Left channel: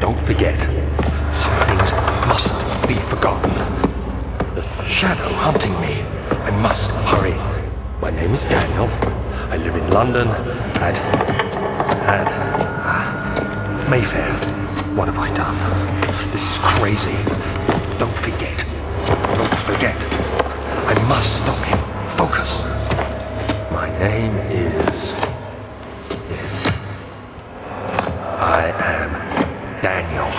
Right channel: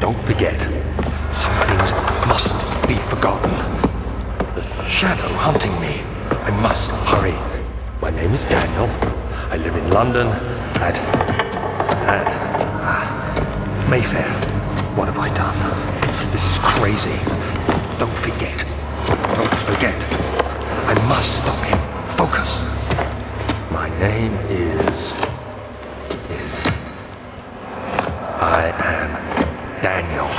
Don't forget, some things mustn't be forgotten. The shadow hunting me. I must hurry. My name is Daniel. I live in London at Mayfair. What have I done? This is crazy. Don't forget. Don't forget. I must stop him. Focus. My name is... I am Daniel.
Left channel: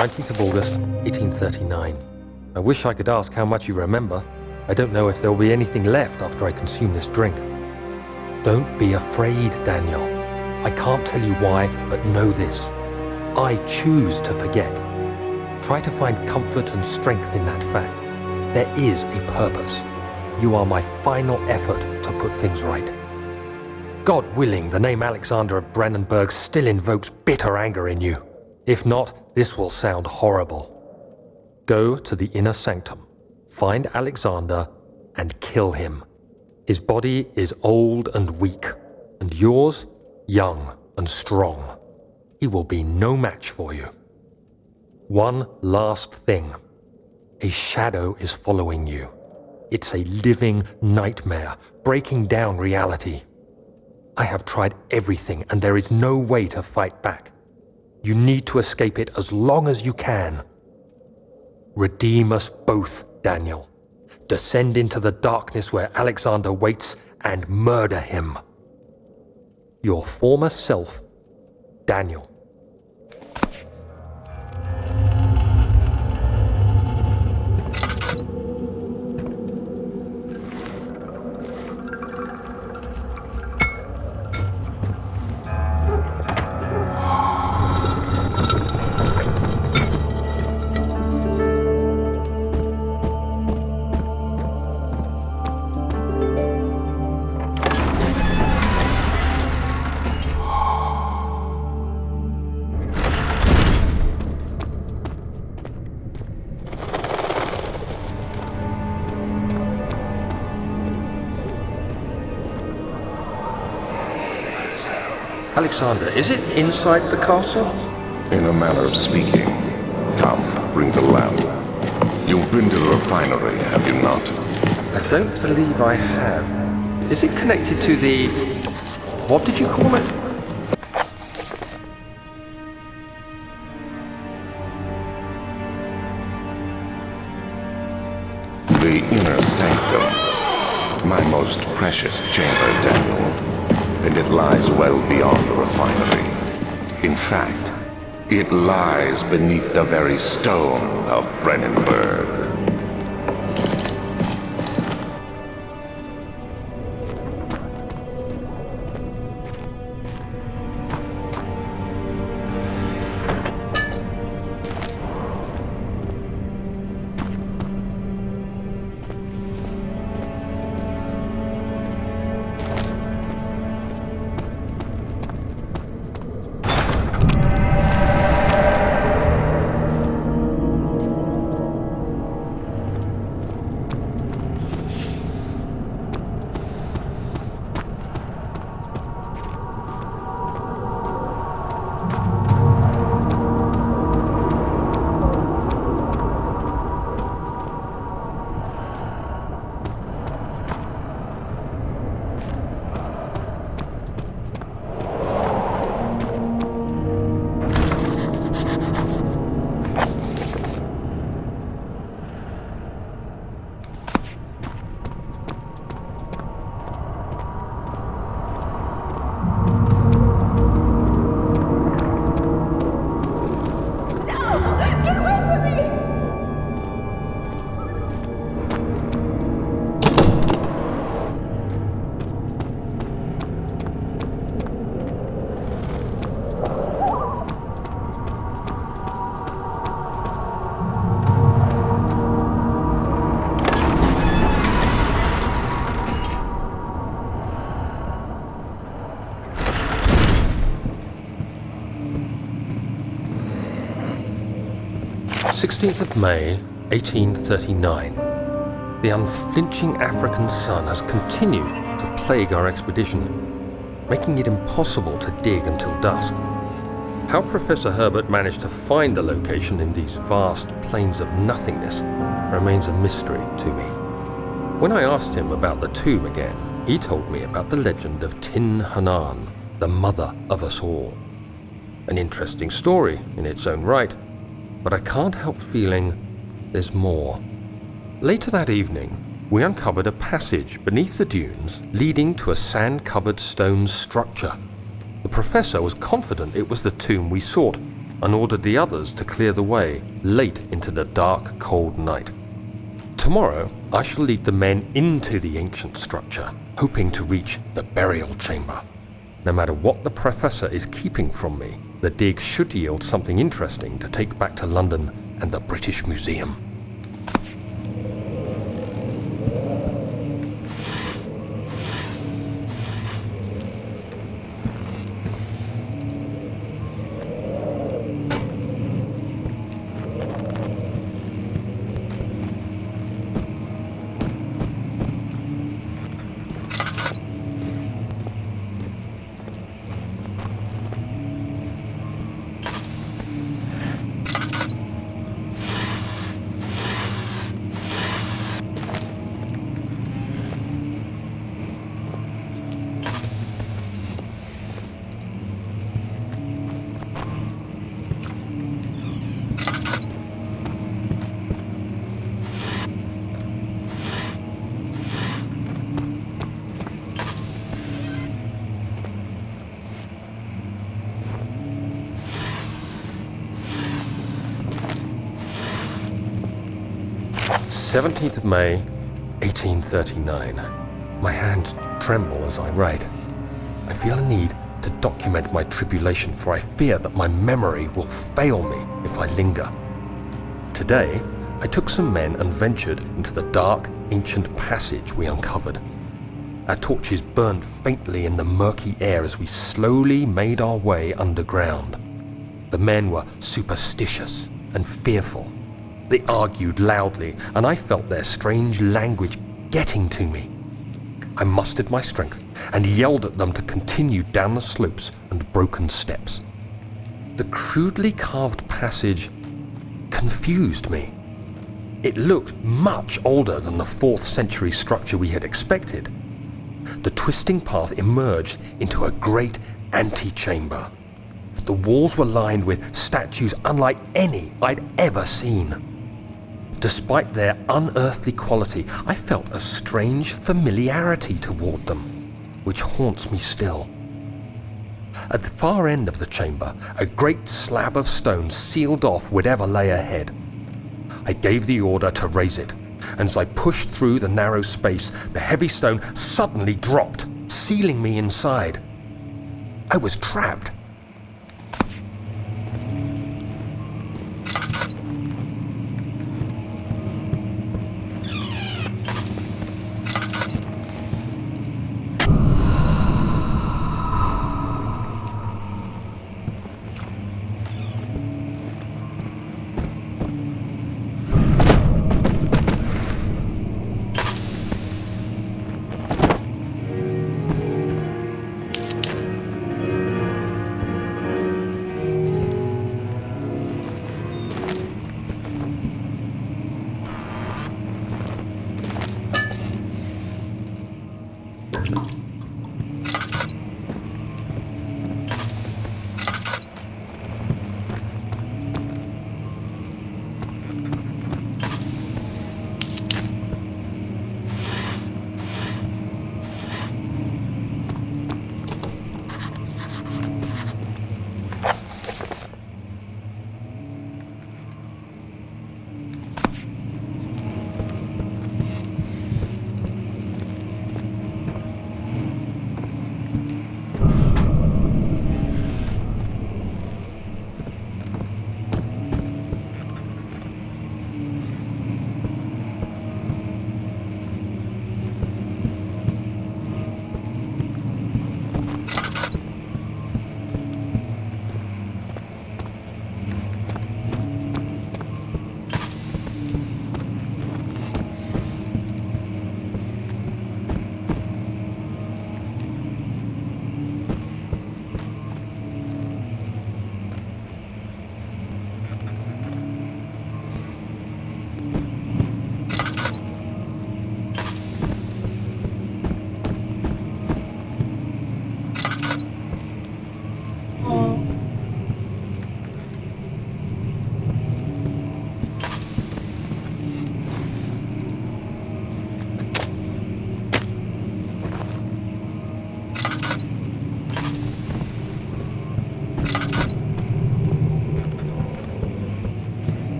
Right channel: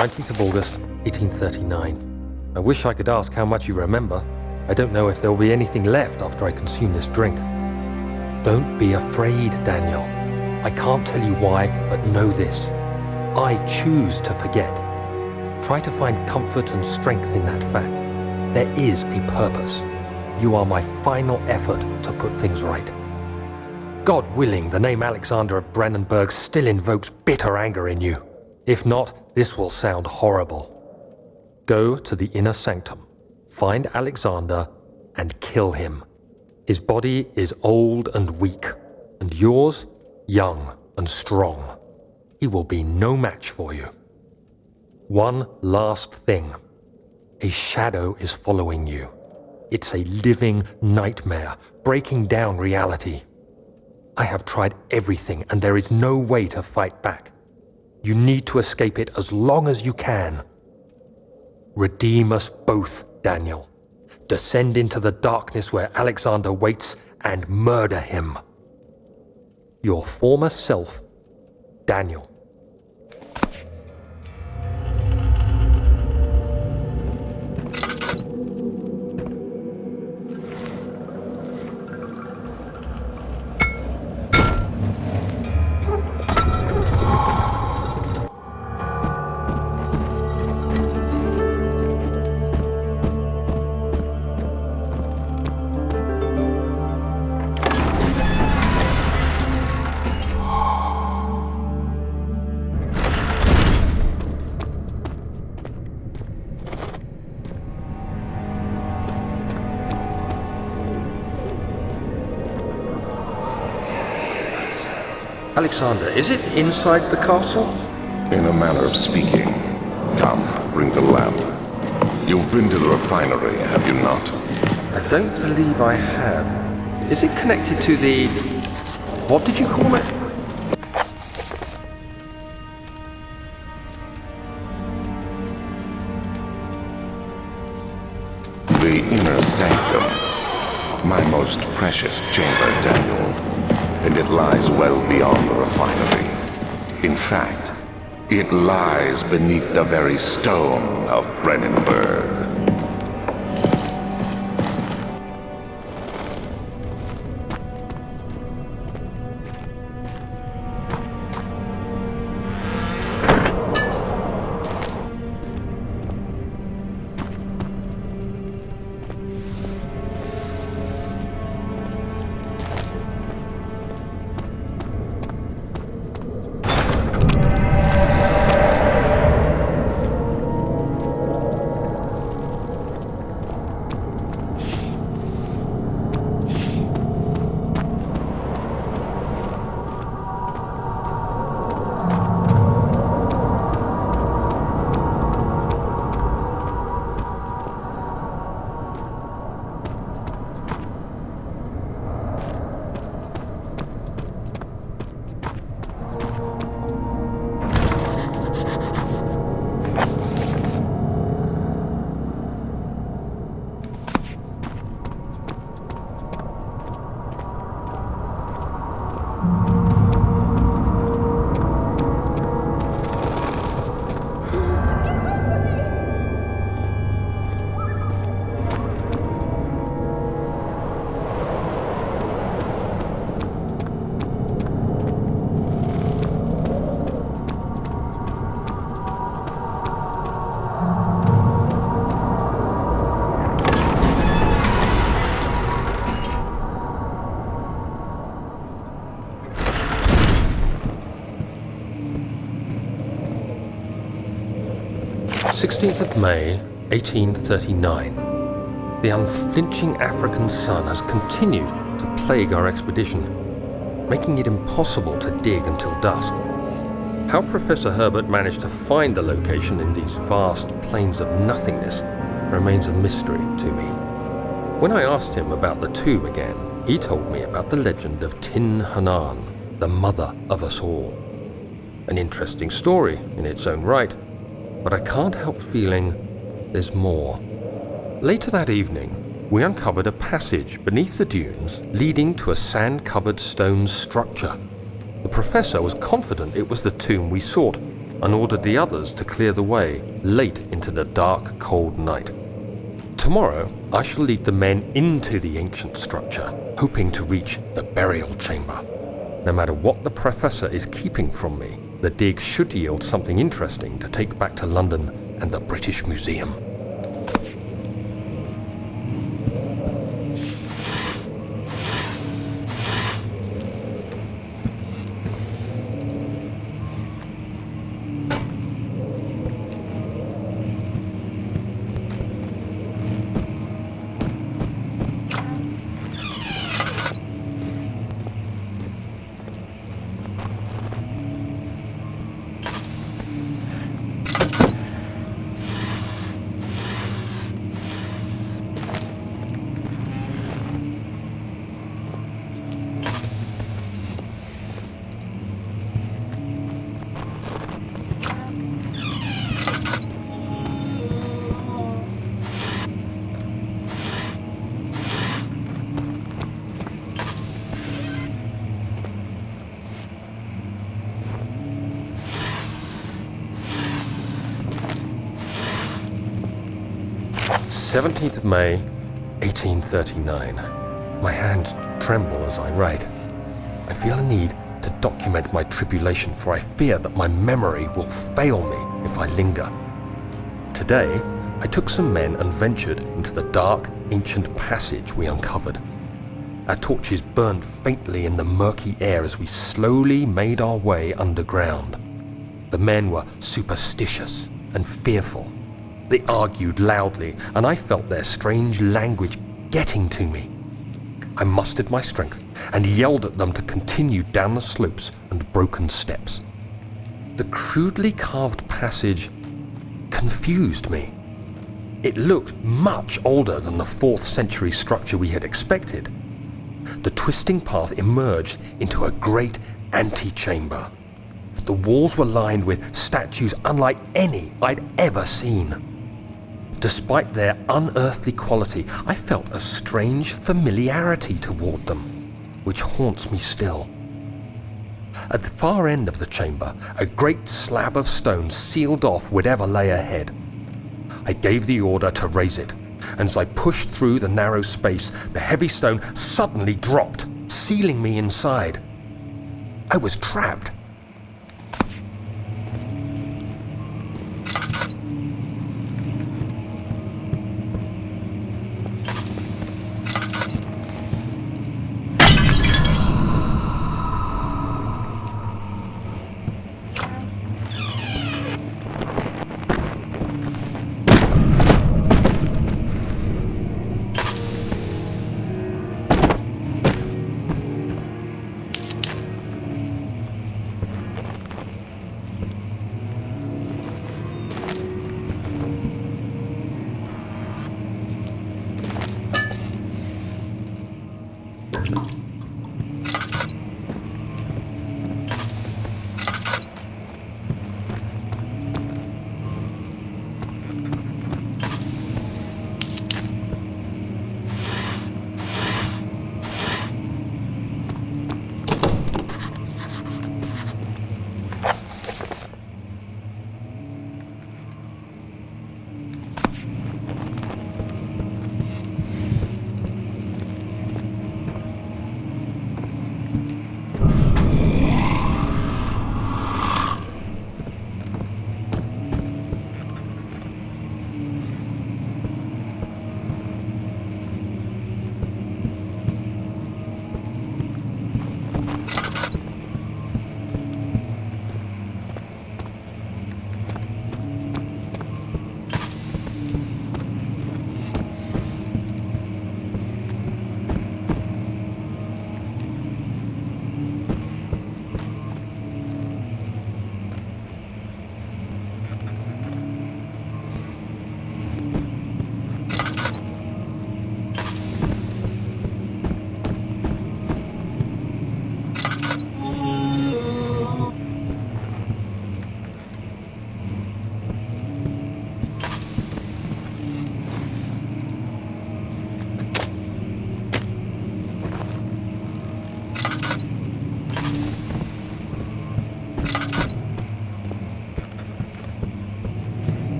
19th of August, 1839. I wish I could ask how much you remember. I don't know if there will be anything left after I consume this drink. Don't be afraid, Daniel. I can't tell you why, but know this. I choose to forget. Try to find comfort and strength in that fact. There is a purpose. You are my final effort to put things right. God willing, the name Alexander of Brennenburg still invokes bitter anger in you. If not, this will sound horrible. Go to the inner sanctum, find Alexander, and kill him. His body is old and weak, and yours, young and strong. He will be no match for you. One last thing. A shadow is following you. It's a living nightmare, breaking down reality. I have tried everything, and there is no way to fight back. You need to escape it as long as you can. Redeem us both, Daniel. Descend into the darkness where Alexander waits and murder him. Your former self, Daniel. Alexander, is it inside the castle? In a manner of speaking. Come, bring the lamp. You've been to the refinery, have you not? I don't believe I have. Is it connected to the... what did you call it? The inner sanctum. My most precious chamber, Daniel. And it lies well beyond the refinery. In fact, it lies beneath the very stone of Brennenburg. May 1839. The unflinching African sun has continued to plague our expedition, making it impossible to dig until dusk. How Professor Herbert managed to find the location in these vast plains of nothingness remains a mystery to me. When I asked him about the tomb again, he told me about the legend of Tin Hanan, the mother of us all. An interesting story in its own right, but I can't help feeling there's more. Later that evening, we uncovered a passage beneath the dunes leading to a sand-covered stone structure. The professor was confident it was the tomb we sought, and ordered the others to clear the way late into the dark, cold night. Tomorrow, I shall lead the men into the ancient structure, hoping to reach the burial chamber. No matter what the Professor is keeping from me, the dig should yield something interesting to take back to London and the British Museum. "17th of May, 1839. My hands tremble as I write. I feel a need to document my tribulation, for I fear that my memory will fail me if I linger. Today, I took some men and ventured into the dark, ancient passage we uncovered. Our torches burned faintly in the murky air as we slowly made our way underground. The men were superstitious and fearful. They argued loudly, and I felt their strange language getting to me. I mustered my strength and yelled at them to continue down the slopes and broken steps. The crudely carved passage confused me. It looked much older than the 4th century structure we had expected. The twisting path emerged into a great antechamber. The walls were lined with statues unlike any I'd ever seen. Despite their unearthly quality, I felt a strange familiarity toward them, which haunts me still. At the far end of the chamber, a great slab of stone sealed off whatever lay ahead. I gave the order to raise it, and as I pushed through the narrow space, the heavy stone suddenly dropped, sealing me inside. I was trapped.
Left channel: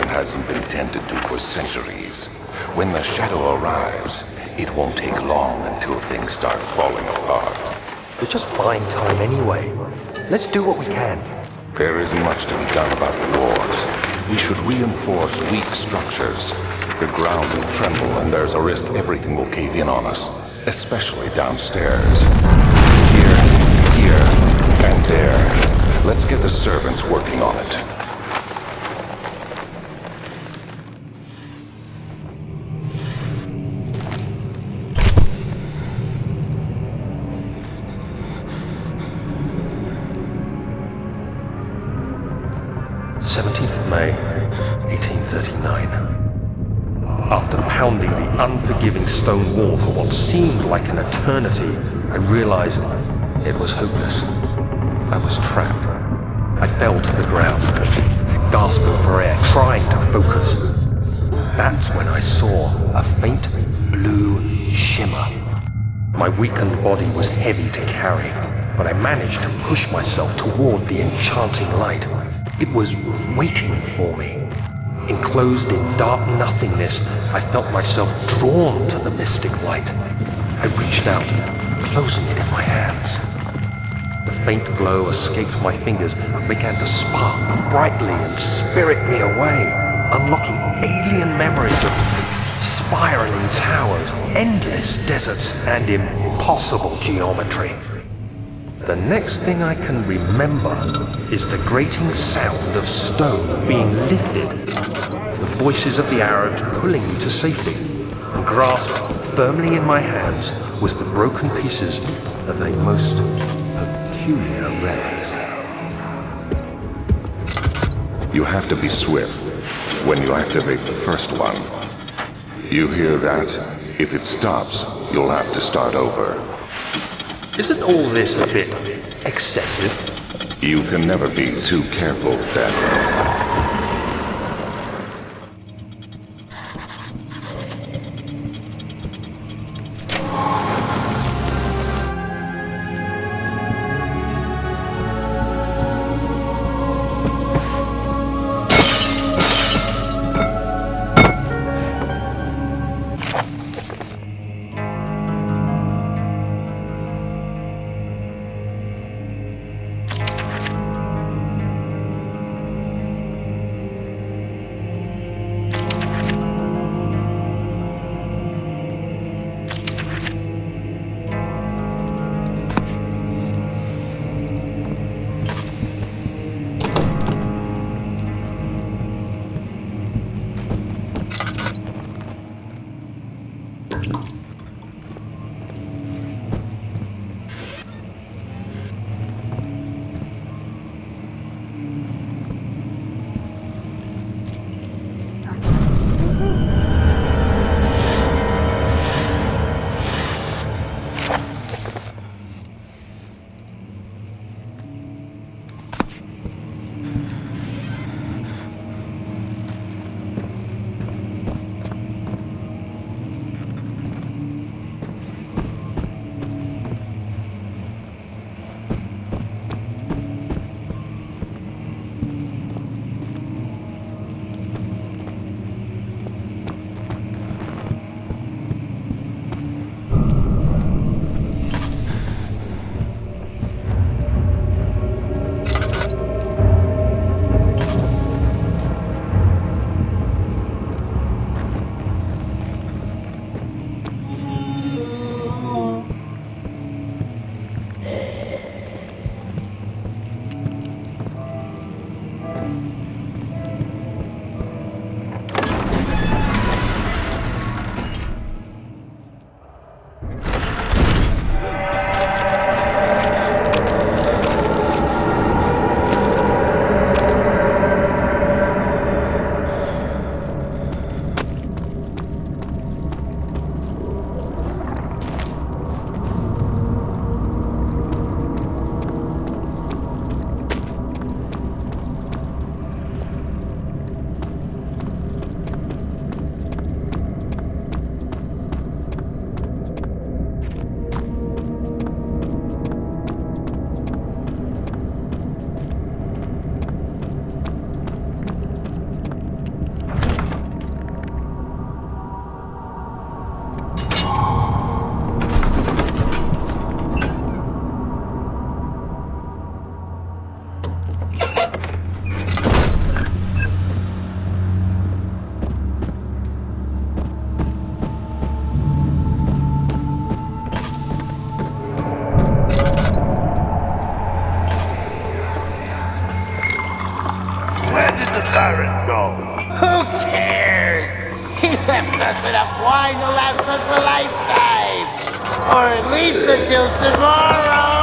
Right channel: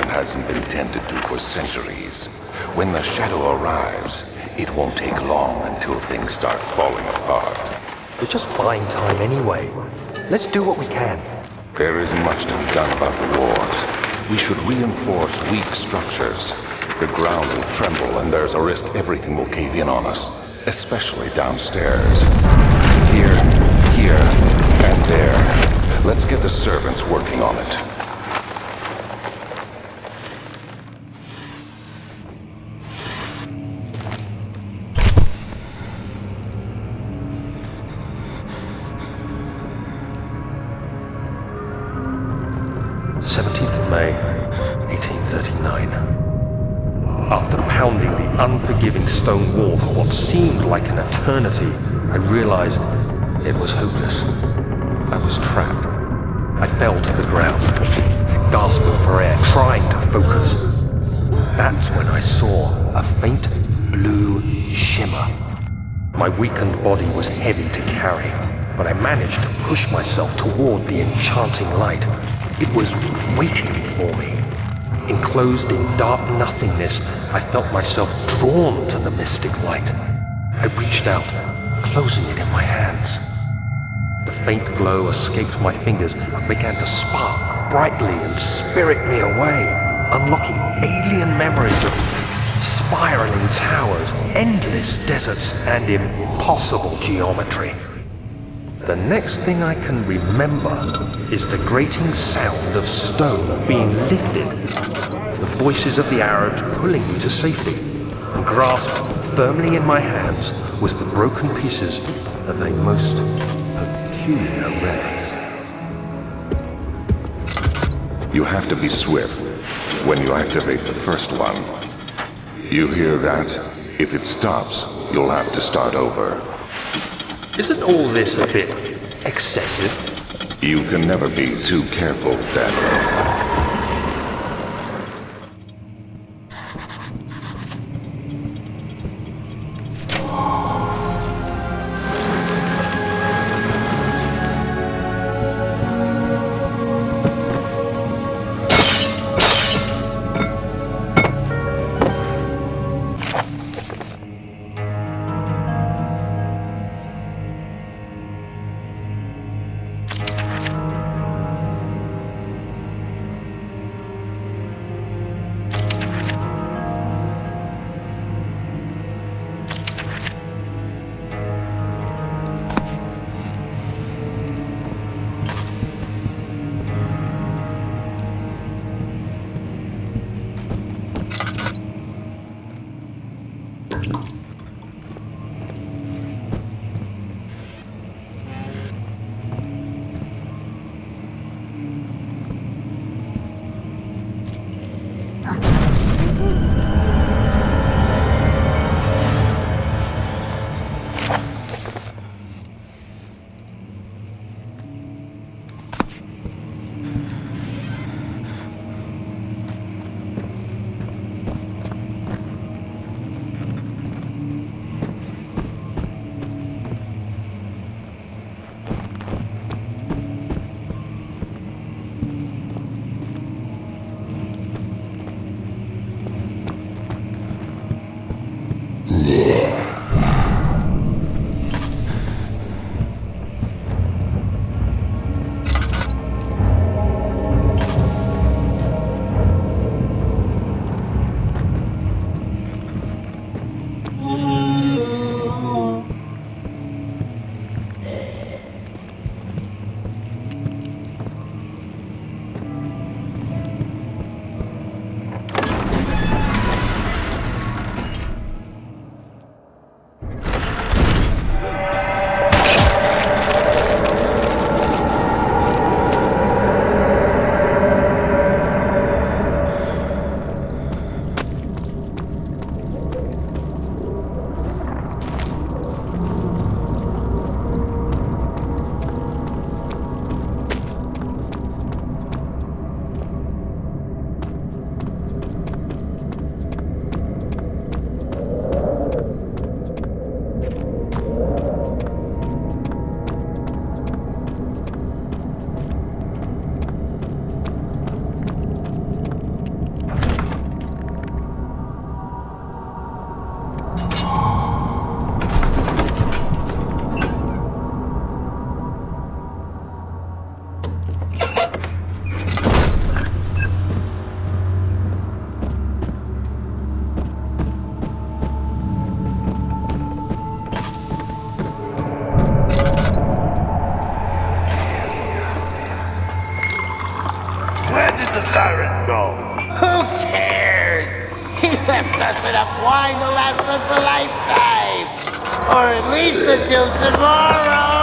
garden hasn't been tended to for centuries. When the shadow arrives, it won't take long until things start falling apart. We're just buying time anyway. Let's do what we can. There isn't much to be done about the wars. We should reinforce weak structures. The ground will tremble, and there's a risk everything will cave in on us, especially downstairs. Here, and there. Let's get the servants working on it. May 1839. After pounding the unforgiving stone wall for what seemed like an eternity, I realized it was hopeless. I was trapped. I fell to the ground, gasping for air, trying to focus. That's when I saw a faint blue shimmer. My weakened body was heavy to carry, but I managed to push myself toward the enchanting light. It was waiting for me. Enclosed in dark nothingness, I felt myself drawn to the mystic light. I reached out, closing it in my hands. The faint glow escaped my fingers and began to spark brightly and spirit me away, unlocking alien memories of spiraling towers, endless deserts, and impossible geometry. The next thing I can remember is the grating sound of stone being lifted, the voices of the Arabs pulling me to safety, and grasped firmly in my hands was the broken pieces of a most peculiar relic. You have to be swift when you activate the first one. You hear that? If it stops, you'll have to start over. Isn't all this a bit excessive? You can never be too careful, Daniel. just enough wine to last us a lifetime. Or at least until tomorrow.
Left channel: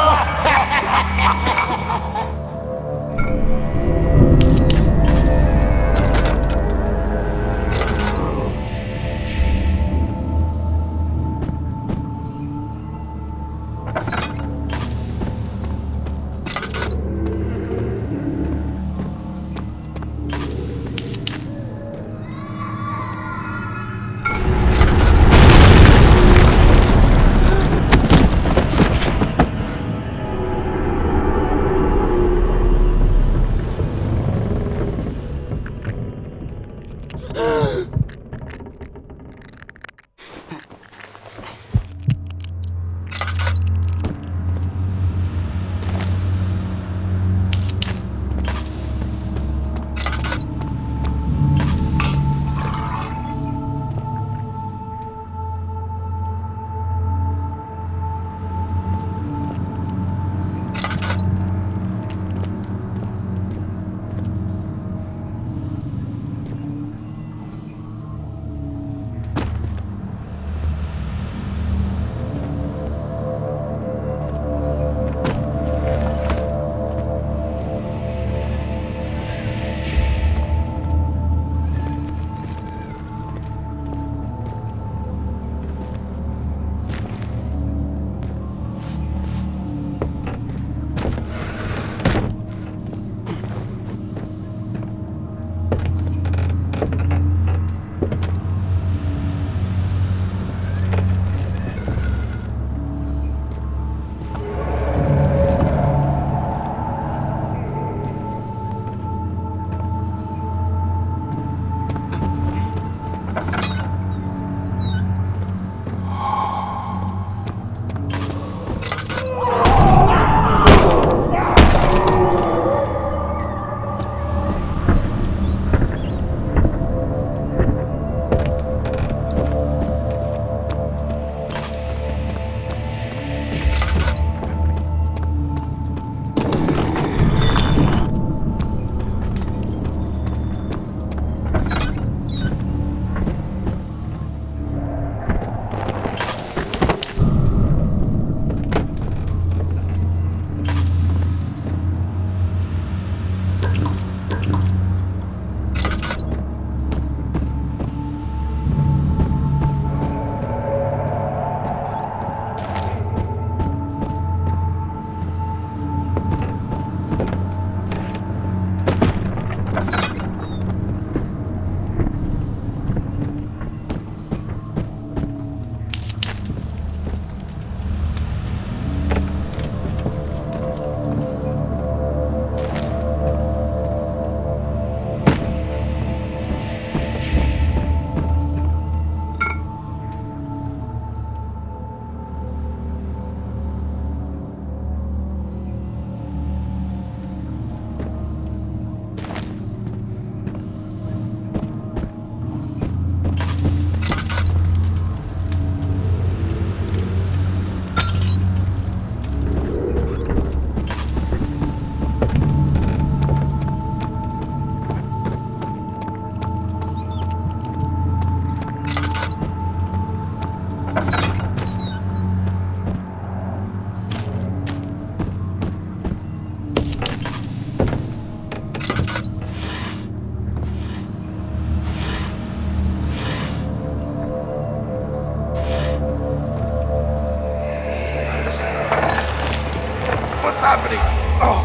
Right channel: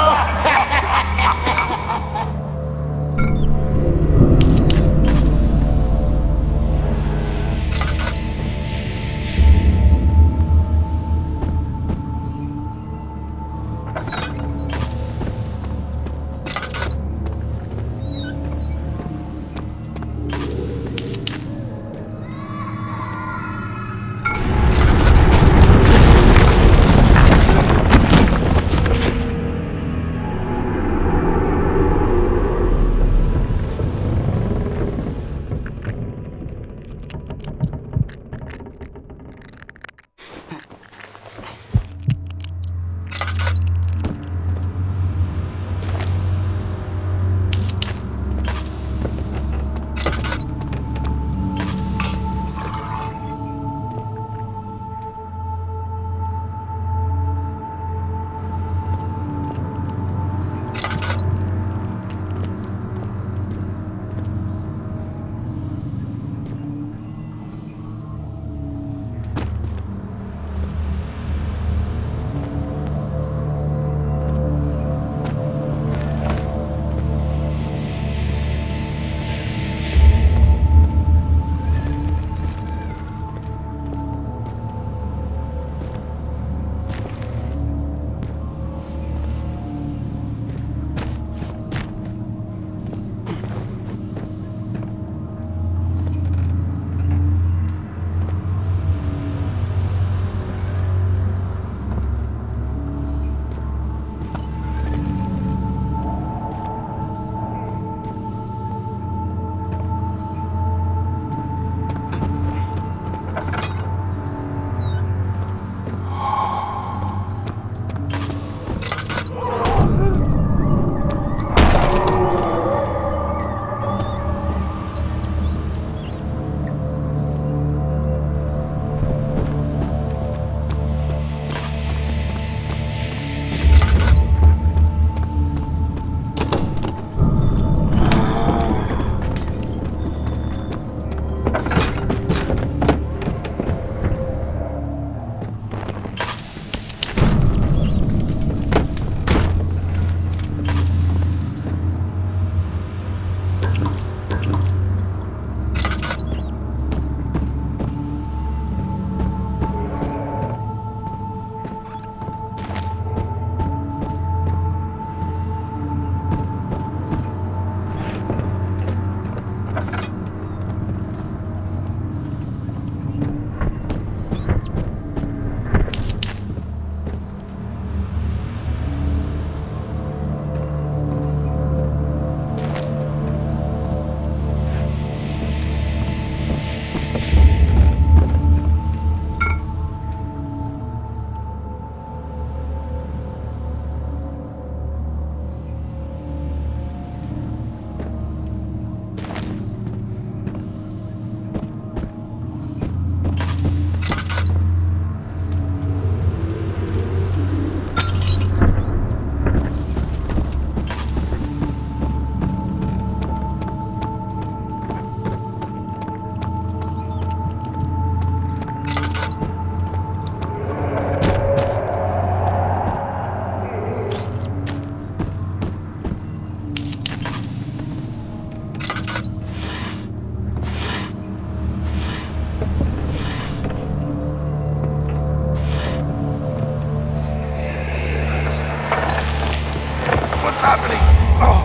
happening? Oh,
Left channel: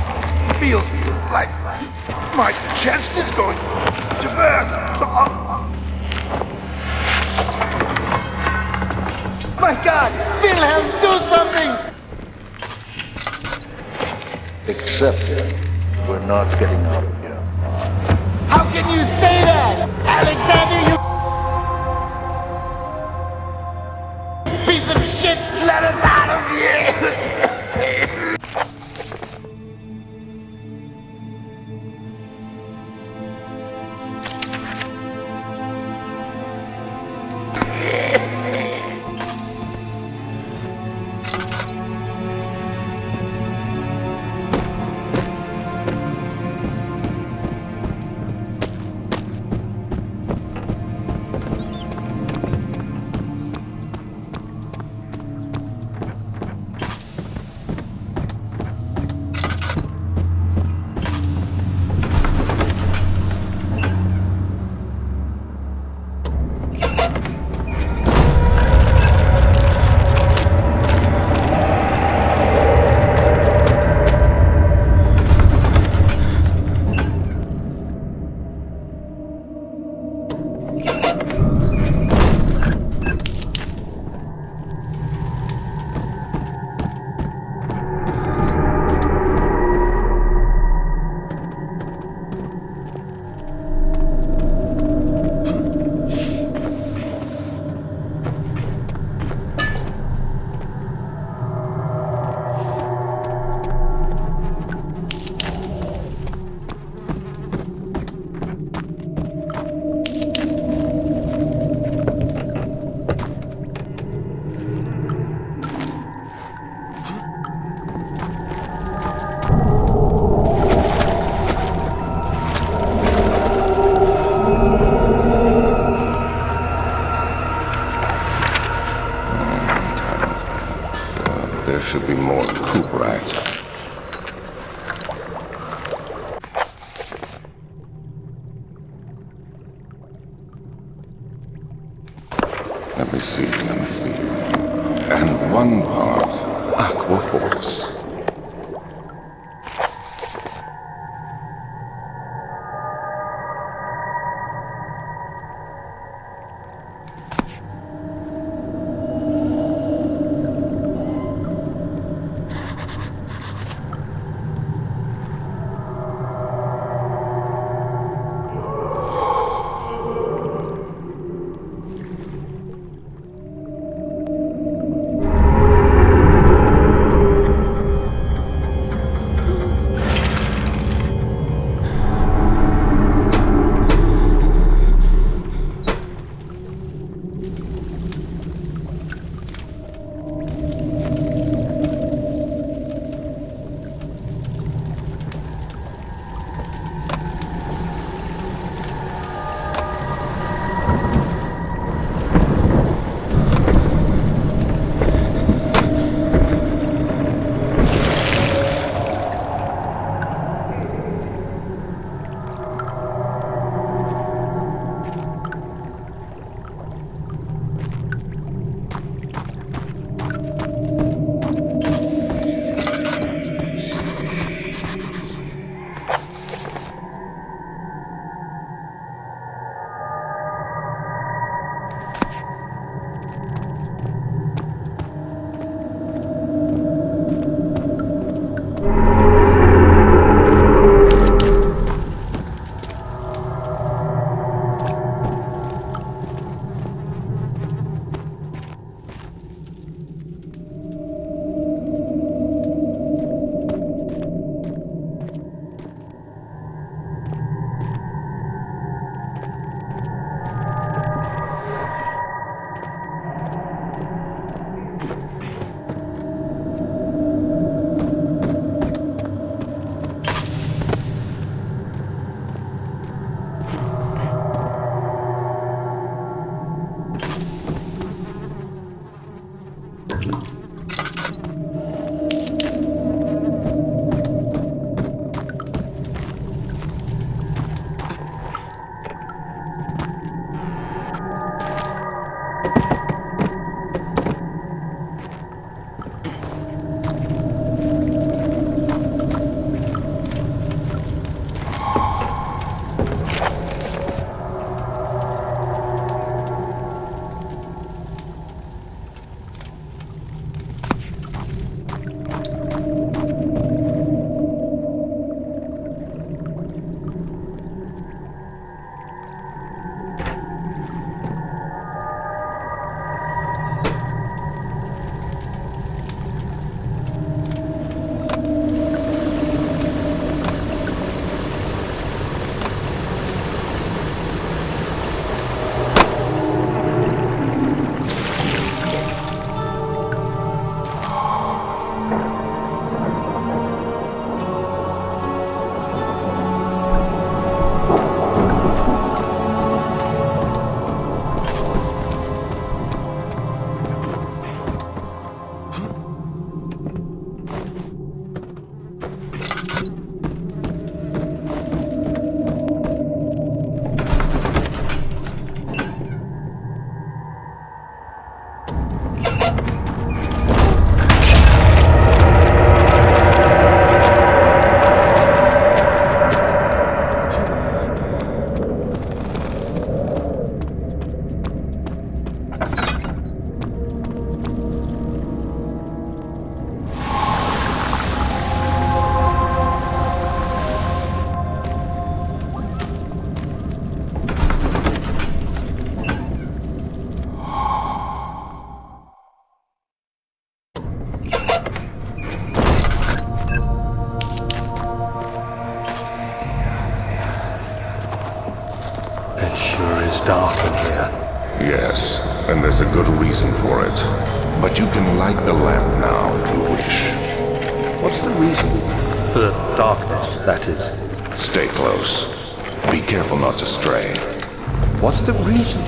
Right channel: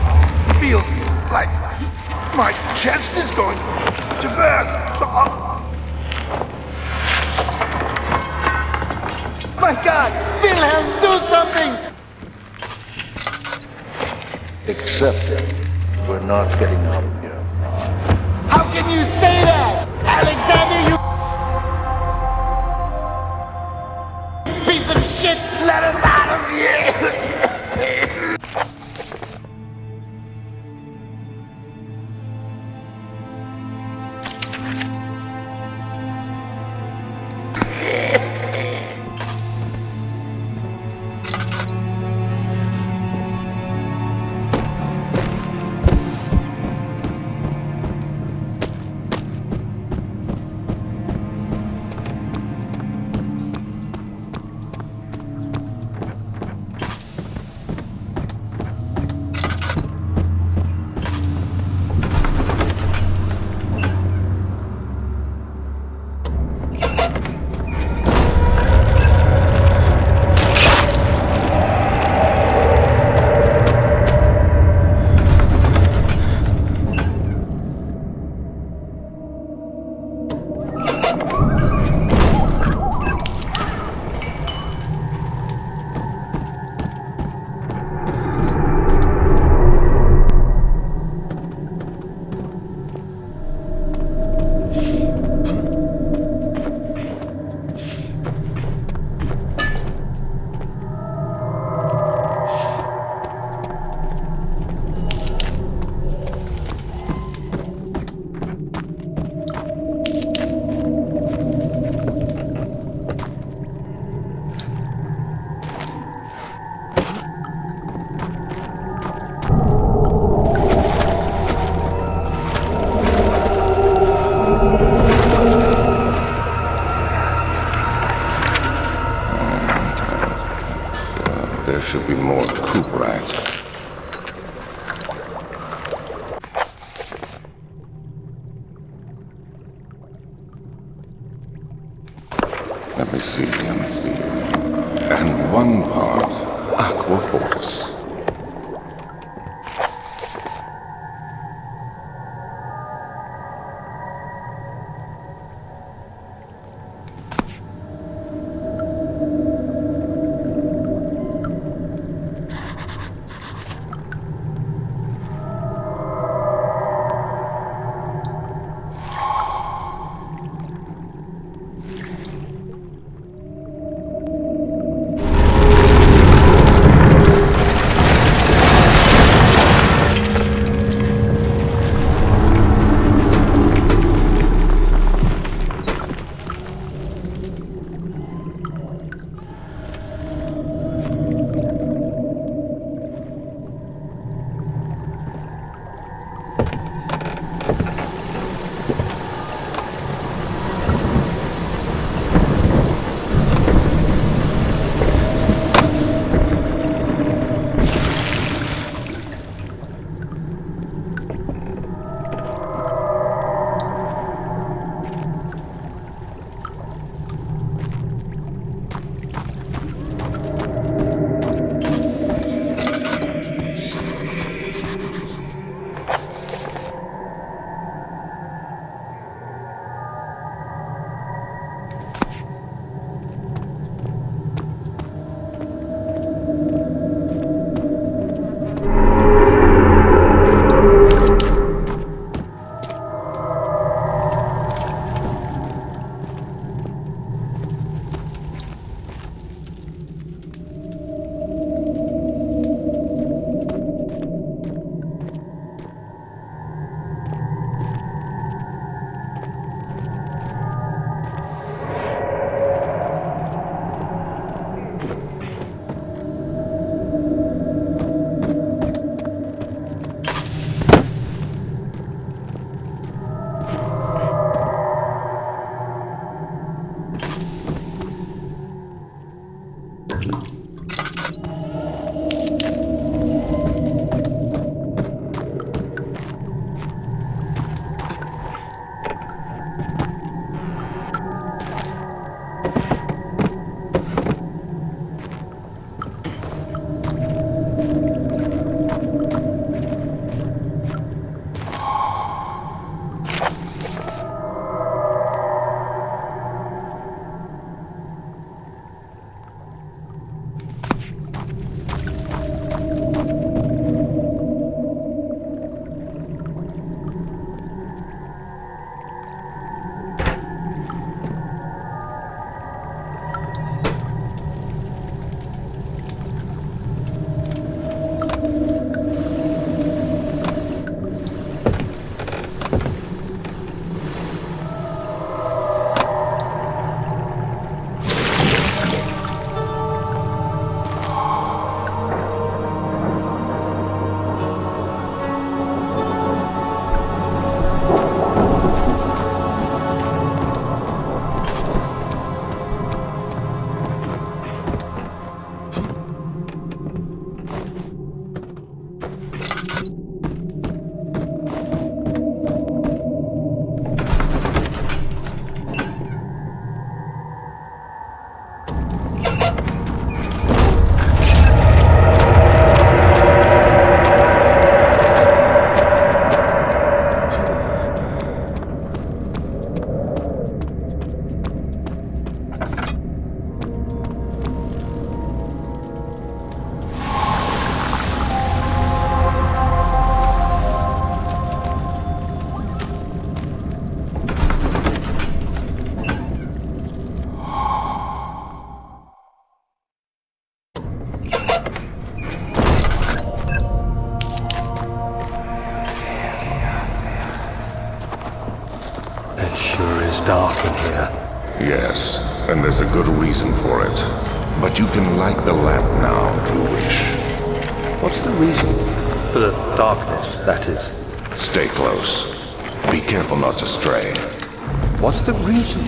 feels like my chest is going to burst. My God! Wilhelm, do something! Accept it. We're not getting out of here. How can you say that? Alexander, you piece of shit! Let us out of here! should be more coop rats. Let me see. And one part aqua force. dark in here. Yes, and there's a good reason for it. But you can light the lamp now if you wish. What's the reason? For the darkness, that is. Stay close. Be careful not to stray. What's the reason?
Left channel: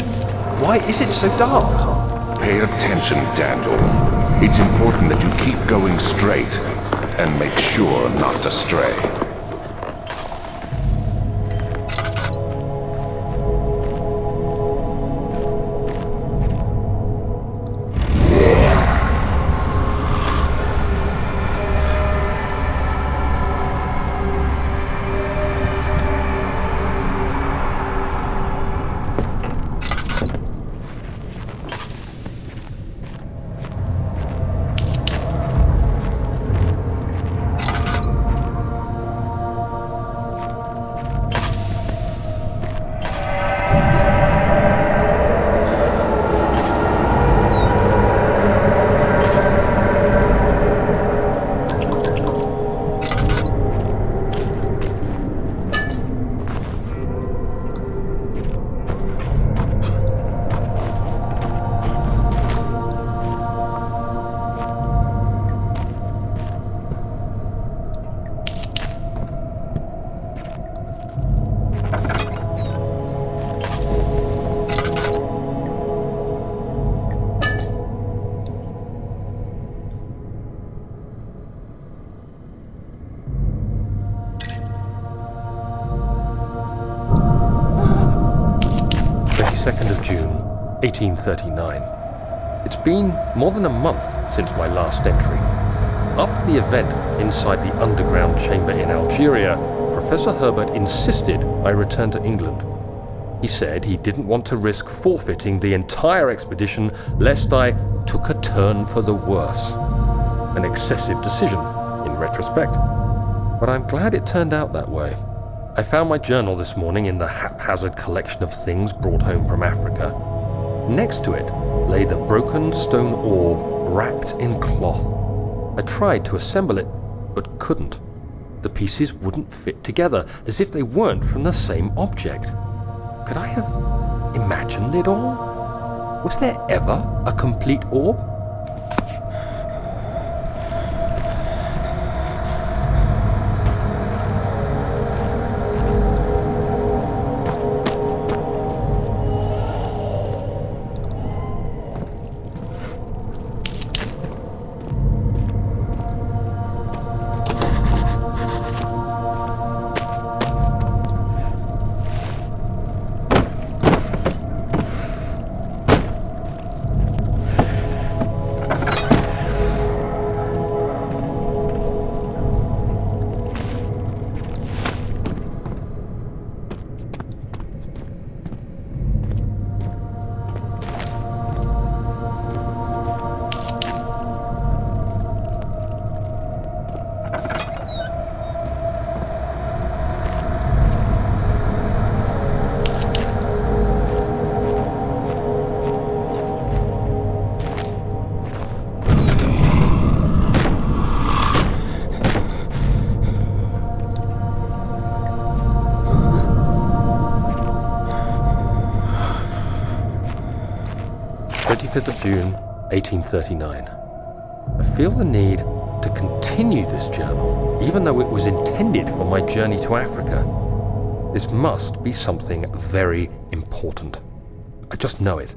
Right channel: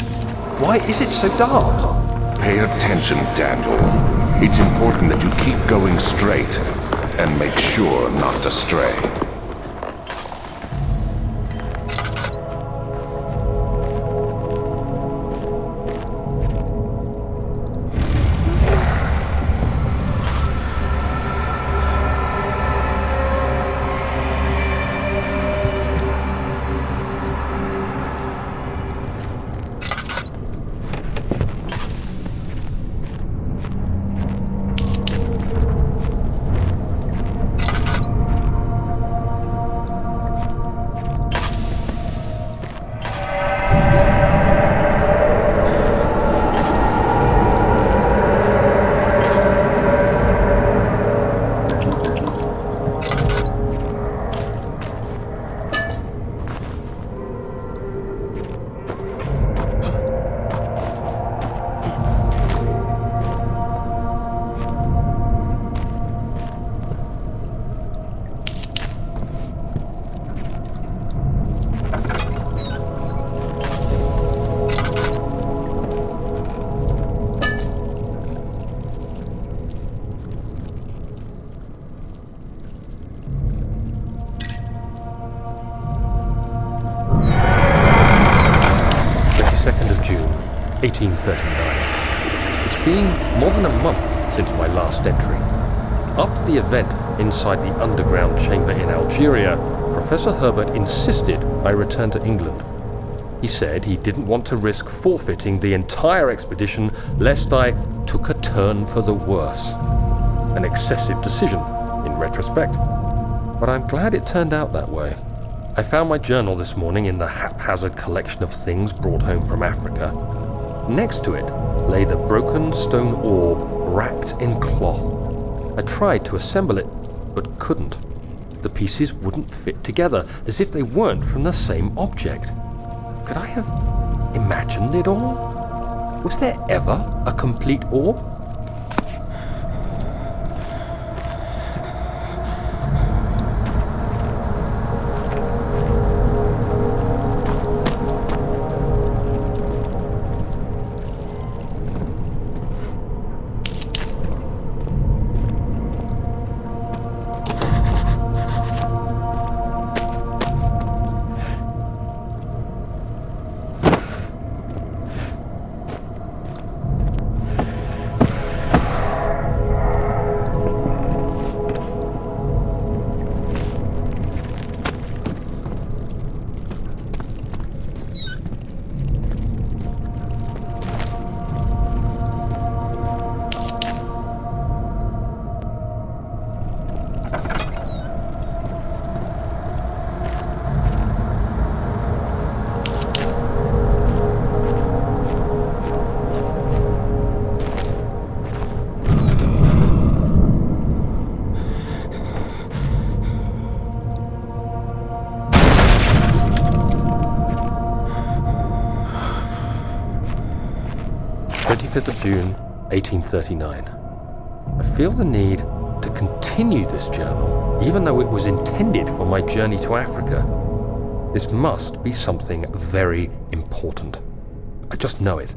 Why is it so dark? Pay attention, Daniel. It's important that you keep going straight and make sure not to stray. June 1839. It's been more than a month since my last entry. After the event inside the underground chamber in Algeria, Professor Herbert insisted I return to England. He said he didn't want to risk forfeiting the entire expedition lest I took a turn for the worse. An excessive decision, in retrospect. But I'm glad it turned out that way. I found my journal this morning in the haphazard collection of things brought home from Africa. Next to it lay the broken stone orb wrapped in cloth. I tried to assemble it, but couldn't. The pieces wouldn't fit together, as if they weren't from the same object. Could I have imagined it all? Was there ever a complete orb? June 1839. I feel the need to continue this journal, even though it was intended for my journey to Africa. This must be something very important. I just know it.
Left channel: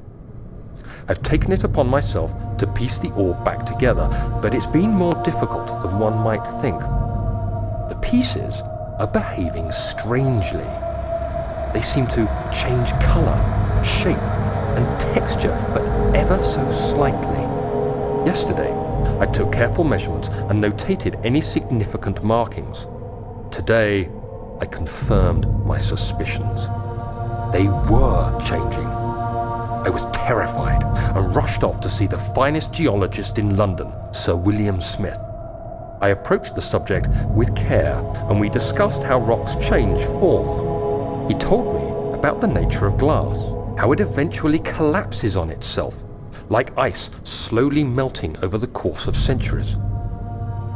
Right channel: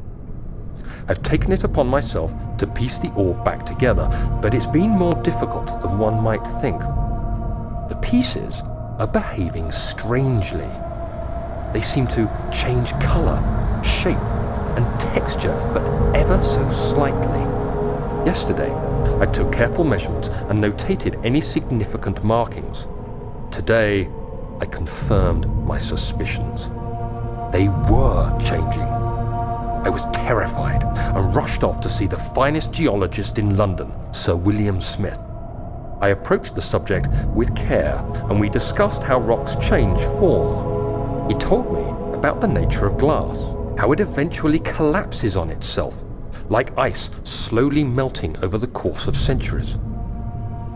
I've taken it upon myself to piece the orb back together, but it's been more difficult than one might think. The pieces are behaving strangely. They seem to change color, shape, and texture, but ever so slightly. Yesterday, I took careful measurements and notated any significant markings. Today, I confirmed my suspicions. They were changing. I was terrified and rushed off to see the finest geologist in London, Sir William Smith. I approached the subject with care, and we discussed how rocks change form. He told me about the nature of glass, how it eventually collapses on itself, like ice slowly melting over the course of centuries.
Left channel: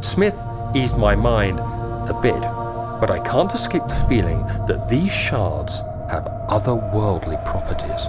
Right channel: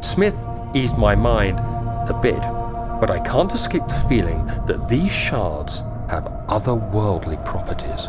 Smith eased my mind a bit, but I can't escape the feeling that these shards have otherworldly properties.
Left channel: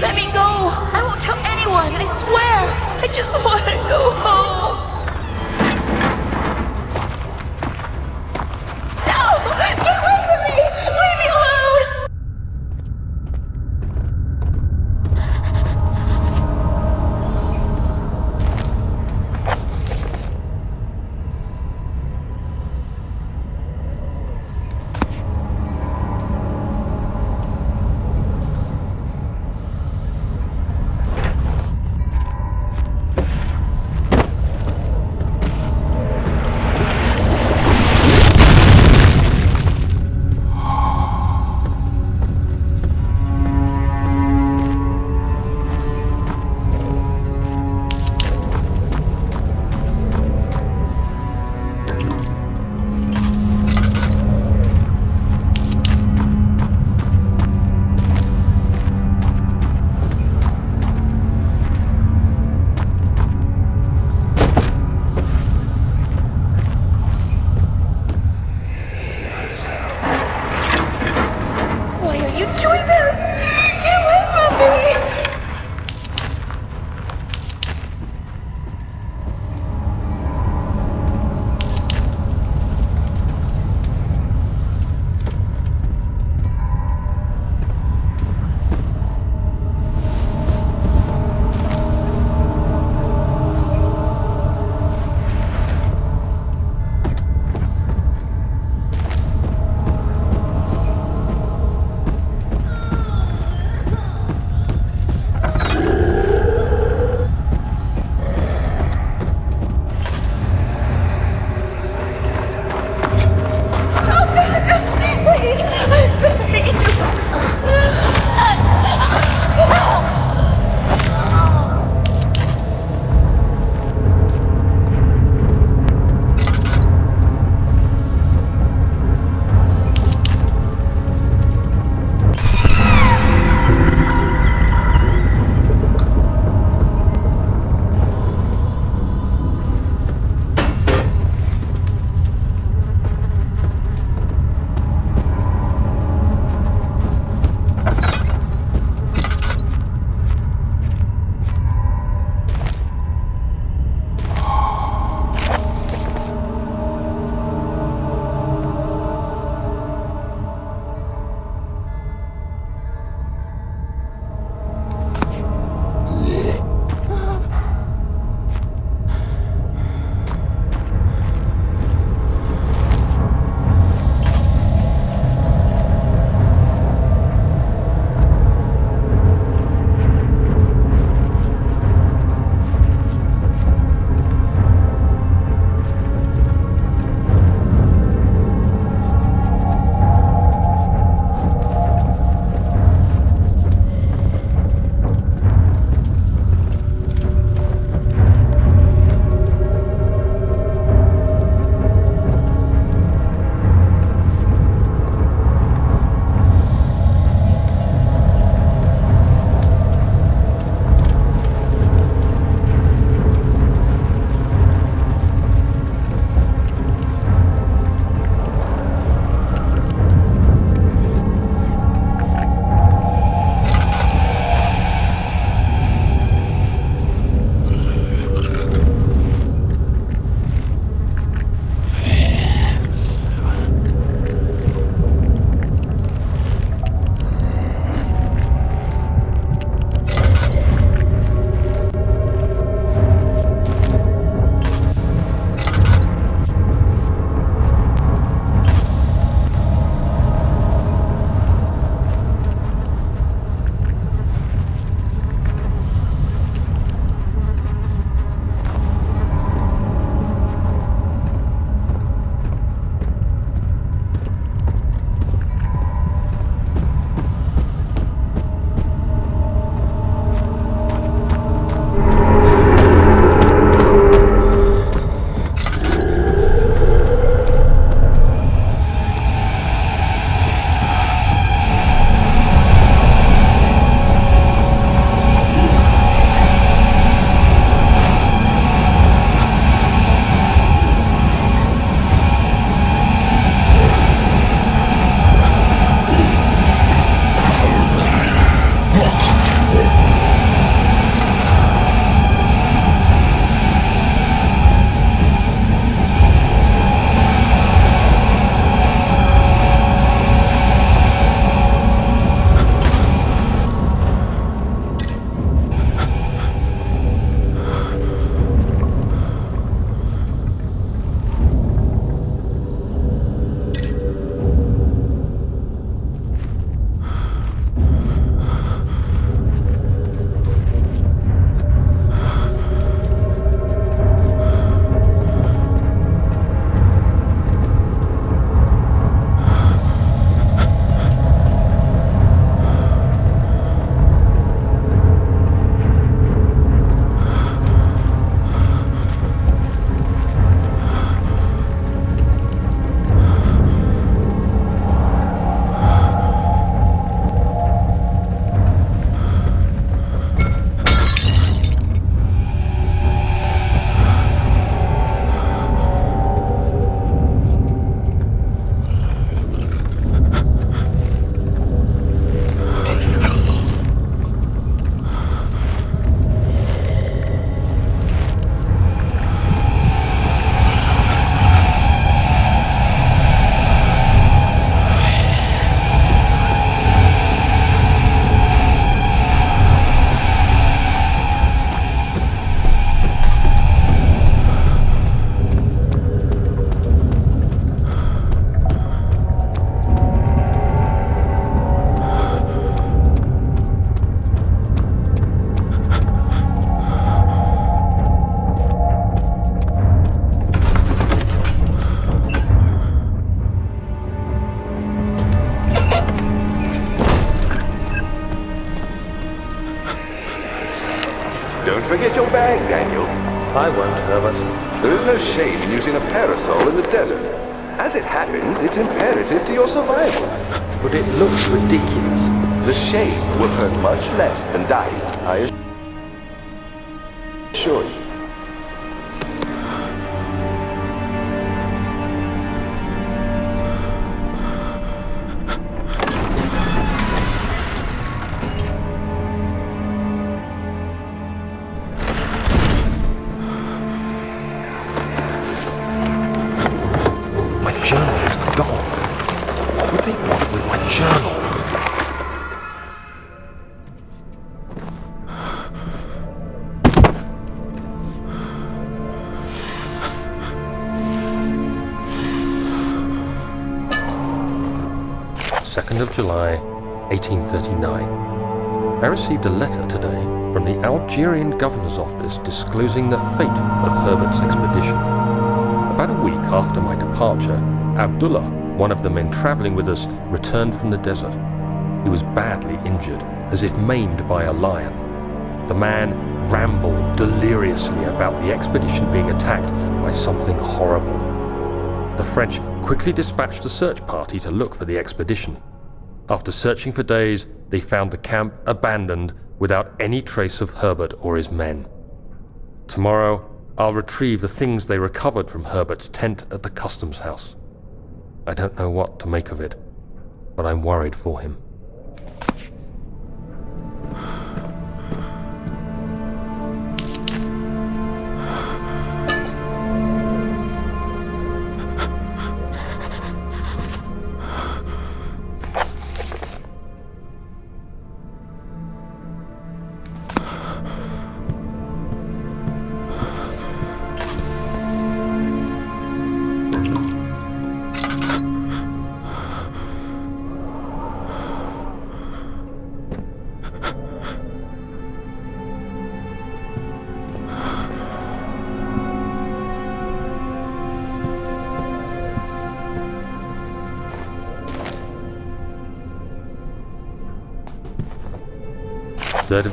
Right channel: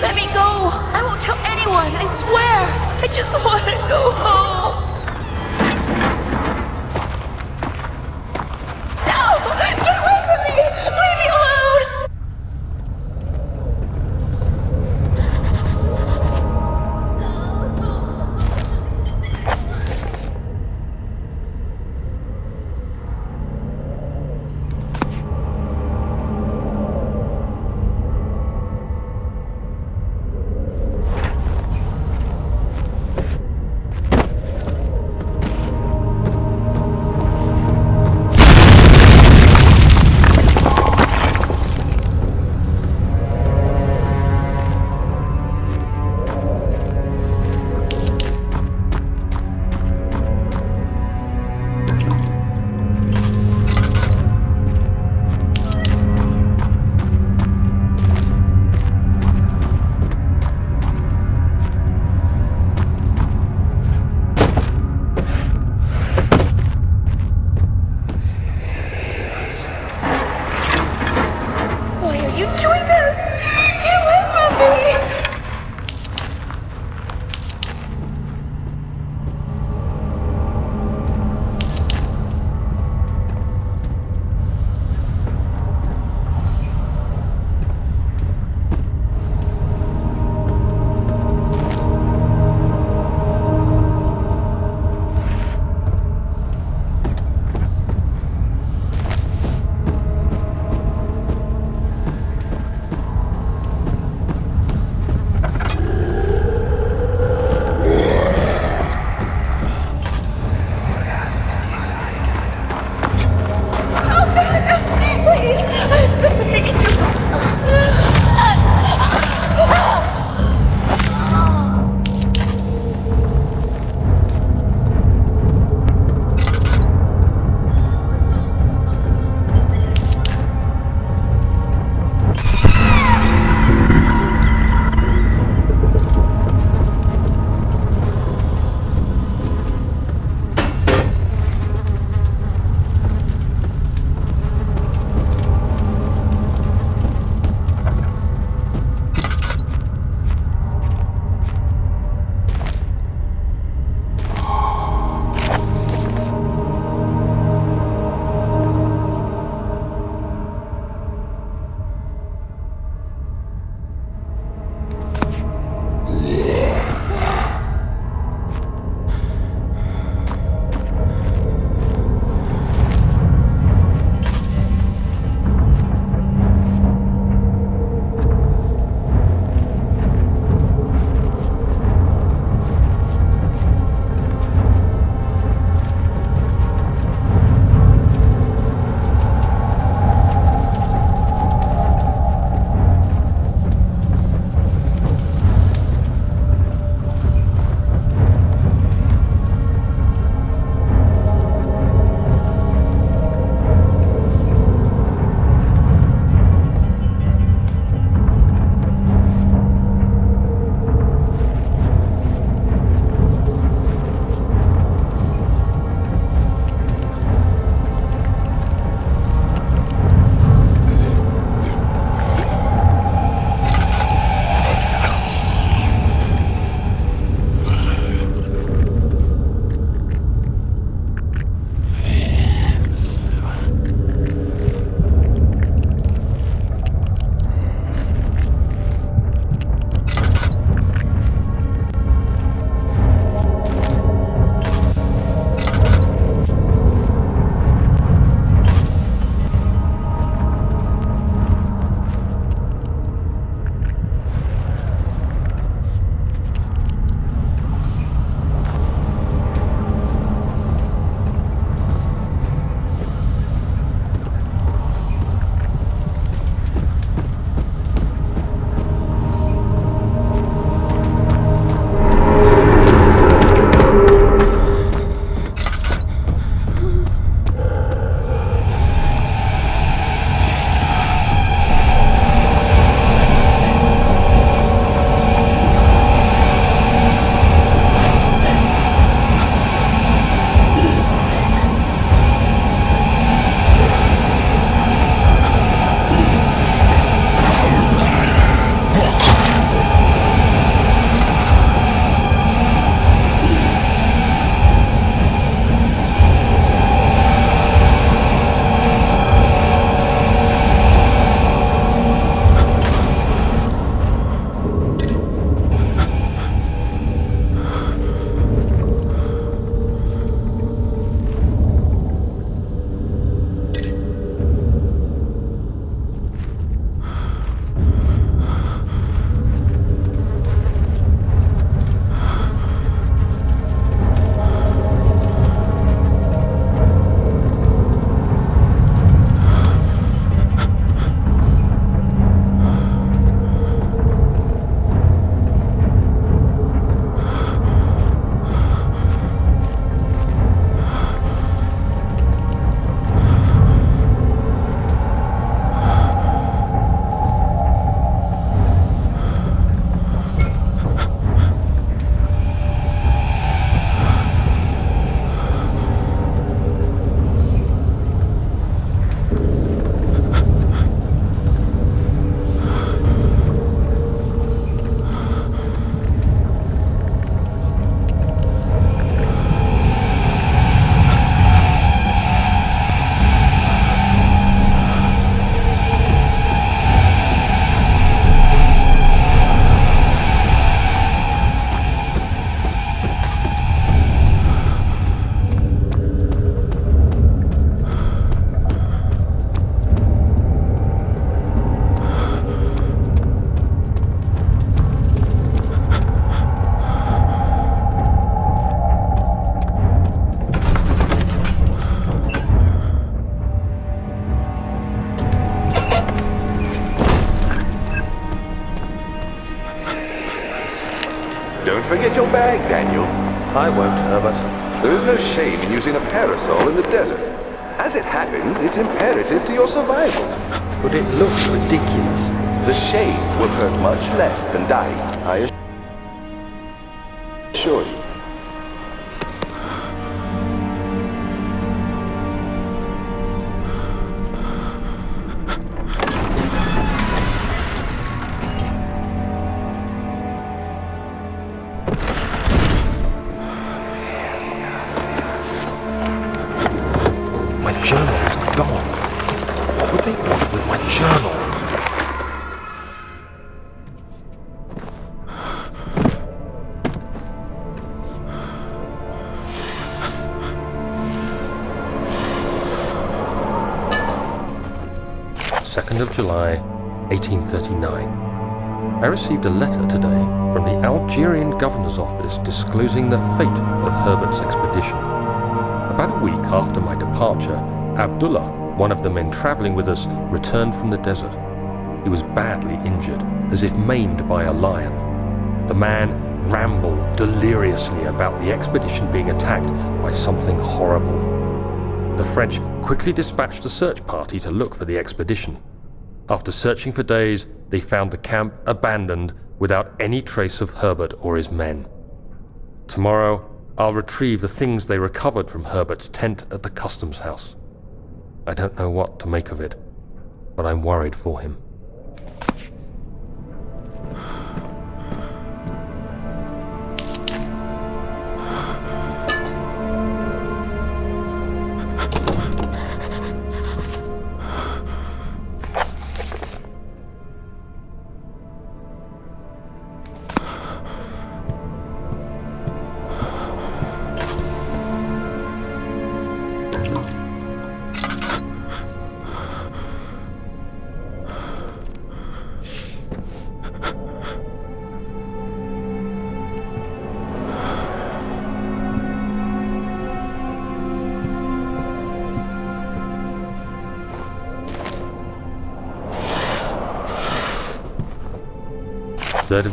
Let me go. I won't tell anyone, I swear. I just want to go home. No! Get away from me! Leave me alone! Why are you doing this? Get away from me! Please, I beg Don't forget your bag, Daniel. I won't, Herbert. There is no shame in using a parasol in the desert. As it happens, it's imperative to your survival. But it looks ridiculous. The shade will hurt much less than dying, I assure you. My journal is gone. What would they want with my journal? July 1839. I received a letter today from the Algerian governor's office disclosing the fate of Herbert's expedition. About a week after my departure, Abdullah, one of the men traveling with us, returned from the desert. He was badly injured, as if maimed by a lion. The man rambled deliriously about the expedition being attacked by something horrible. The French quickly dispatched a search party to look for the expedition. After searching for days, they found the camp abandoned without any trace of Herbert or his men. Tomorrow, I'll retrieve the things they recovered from Herbert's tent at the customs house. I don't know what to make of it, but I'm worried for him.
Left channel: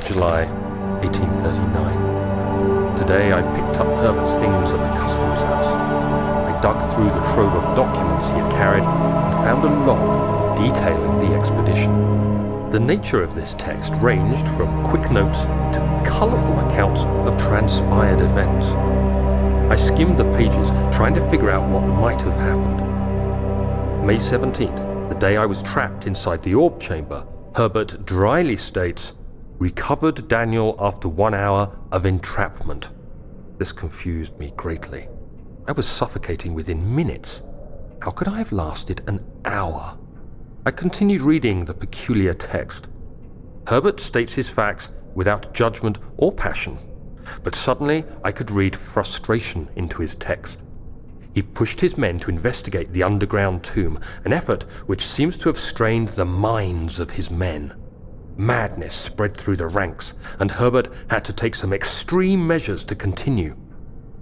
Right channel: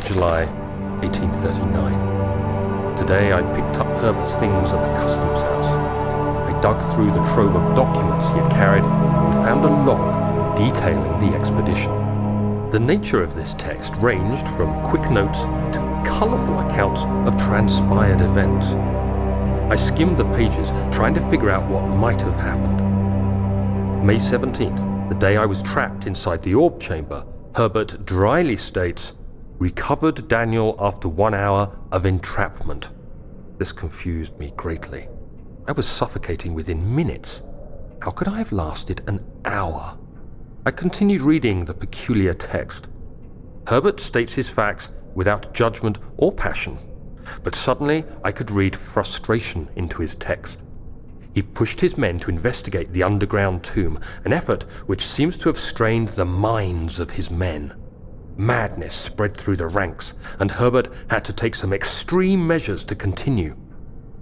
July 1839. Today I picked up Herbert's things at the customs house. I dug through the trove of documents he had carried and found a log detailing the expedition. The nature of this text ranged from quick notes to colourful accounts of transpired events. I skimmed the pages, trying to figure out what might have happened. May 17th, the day I was trapped inside the orb chamber, Herbert dryly states, "Recovered Daniel after 1 hour of entrapment." This confused me greatly. I was suffocating within minutes. How could I have lasted an hour? I continued reading the peculiar text. Herbert states his facts without judgment or passion, but suddenly I could read frustration into his text. He pushed his men to investigate the underground tomb, an effort which seems to have strained the minds of his men. Madness spread through the ranks, and Herbert had to take some extreme measures to continue.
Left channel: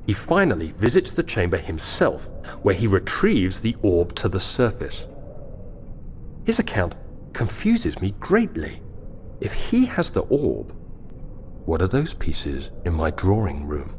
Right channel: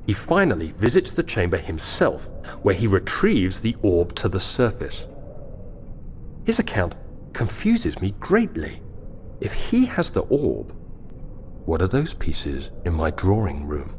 He finally visits the chamber himself, where he retrieves the orb to the surface. His account confuses me greatly. If he has the orb, what are those pieces in my drawing room?